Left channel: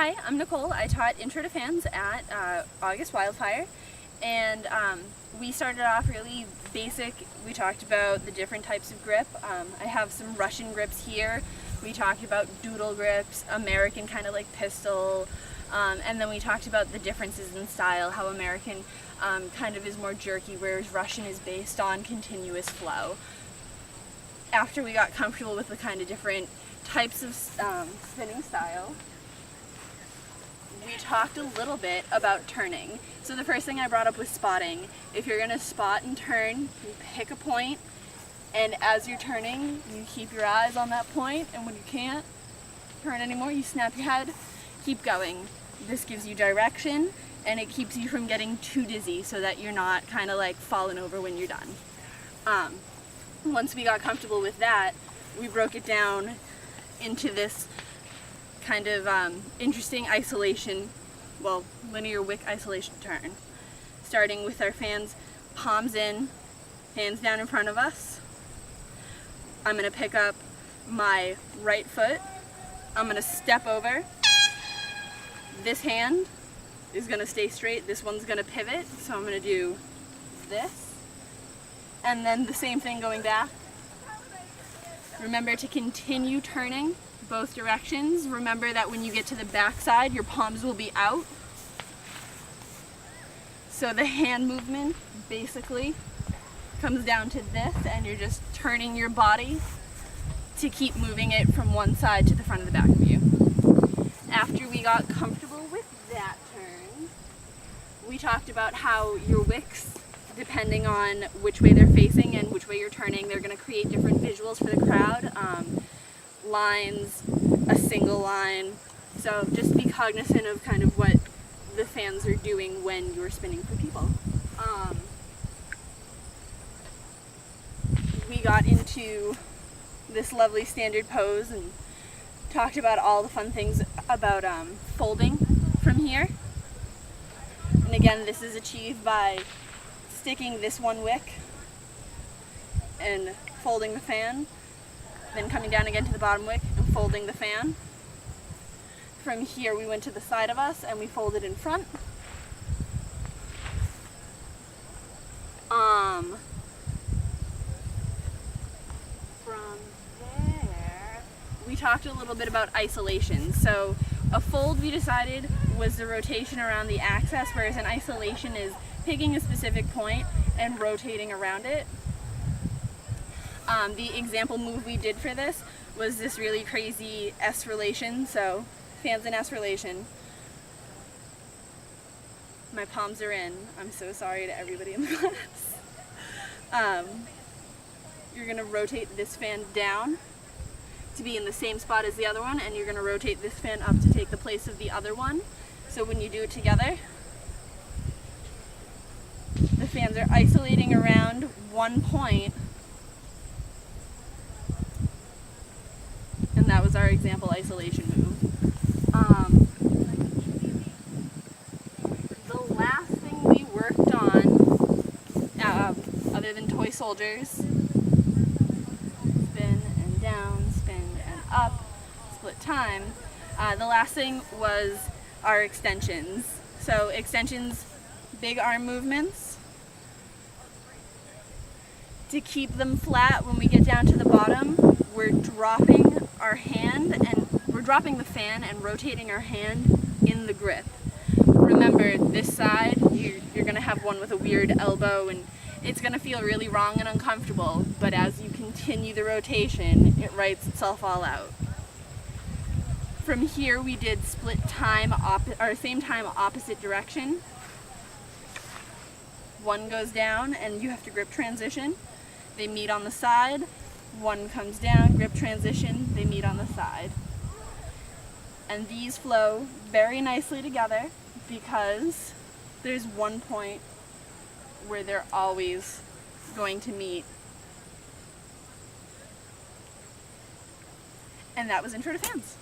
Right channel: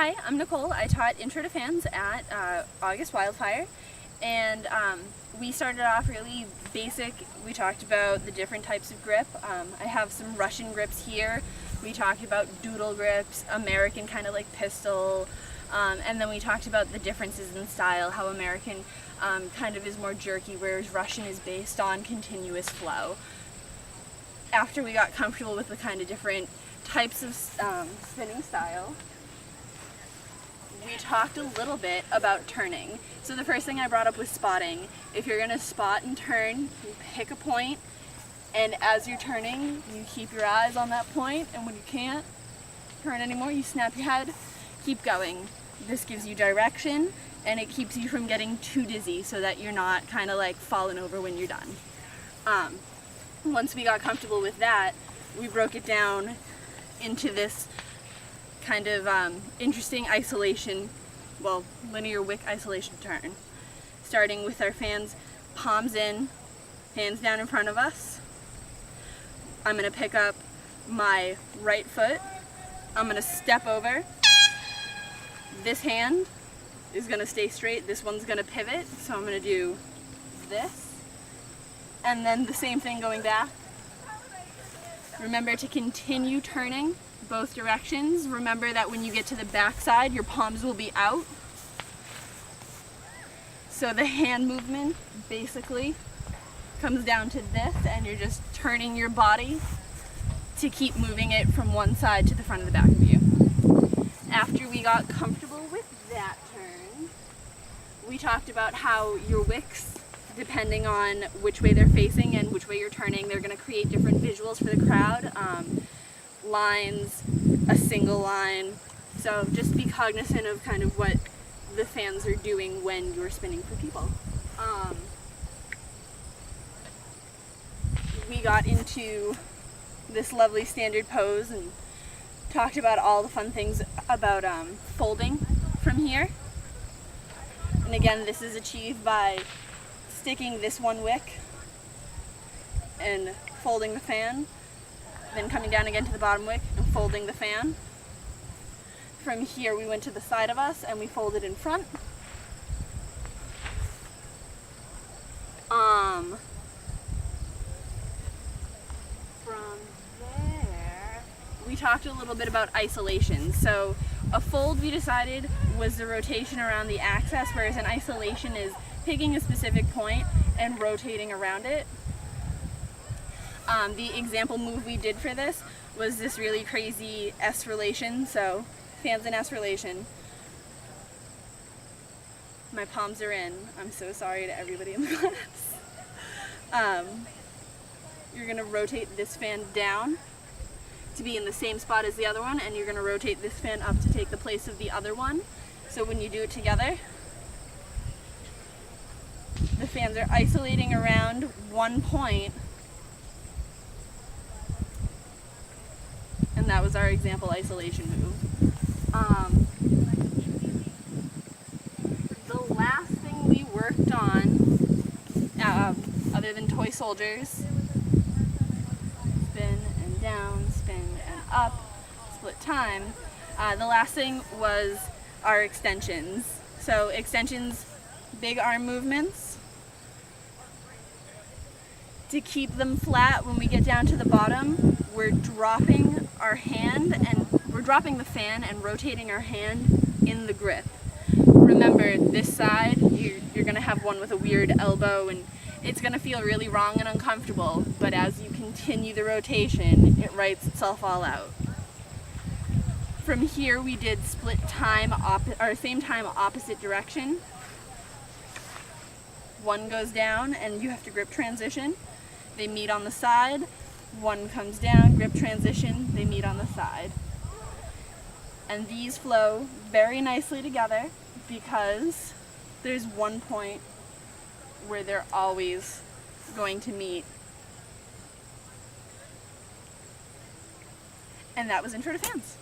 Hi, I'm Nicole. I taught Intro to Fans at August Wildfire, and we started off really basic. We talked about the different types of grip. I have some Russian grips here. We talked about doodle grips, American kind of like pistol, and then we talked about the differences in style, how American kind of is more jerky, whereas Russian is based on continuous flow. After we got comfortable with the kind of different types of spinning style, we talked a little bit about turning. So the first thing I brought up was spotting. If you're going to spot and turn, you pick a point, and as you're turning, you keep your eyes on that point, and when you can't turn anymore, you snap your head, keep going. This gives you direction, and it keeps you from getting too dizzy so that you're not kind of like falling over when you're done. Once we got comfortable with that, we broke it down into this kind of interesting isolation, linear wick isolation turn. Starting with our fans, palms in, hands down in front of us. I'm going to pick up my right foot. I'm going to step over. This hand is going to stay straight. This one's going to pivot. So I'm going to do this. And then the same thing going back. Remember to continue turning both directions. Remember that when you get to the back side, your palms will be out. So the hand movement basically comes down to this, and you're just turning your body to keep moving it from one side to the front of the back of you. After we got comfortable with that turn, we talked about how your wicks, depending on which way they're facing and which way you're turning, they're going to create different visuals for the crowd. Lines, a single line. So just be cognizant of kind of what the fans are doing when you're spinning for people. We got into this lovely standard pose and talked about all the fun things about folding from here. And again, this is achieved by sticking this one wick and folding the fan, then coming down again to the bottom wick and folding the fan. From here we went to the side of us and we folded in front. From there we talked a little bit about isolation. So a fold, we decided, was the rotation around the axis, whereas an isolation is picking a specific point and rotating around it. The example move we did for this was this really crazy S relation, so fans in S relation. My palms are in. I'm so sorry to everybody in the class. You're going to rotate this fan down to be in the same spot as the other one, and you're going to rotate this fan up to take the place of the other one. So when you do it together, the fans are isolating around one point, and that was our example isolation move. The last thing we worked on, other than toy soldiers, spin and down, spin and up, split time, the last thing was our extensions. So extensions, big arm movements. To keep them flat, when we get down to the bottom, we're dropping our hand and we're dropping the fan and rotating our hand in the grip. Remember, this side, you're going to have one with a weird elbow and it's going to feel really wrong and uncomfortable, but as you continue the rotation, it writes itself all out. From here, we did split time, same time, opposite direction. One goes down and you have to grip transition. They meet on the side. One comes down, grip transition, they meet on the side. And these flow very nicely together because there's one point where they're always going to meet. And that was Intro to Fans.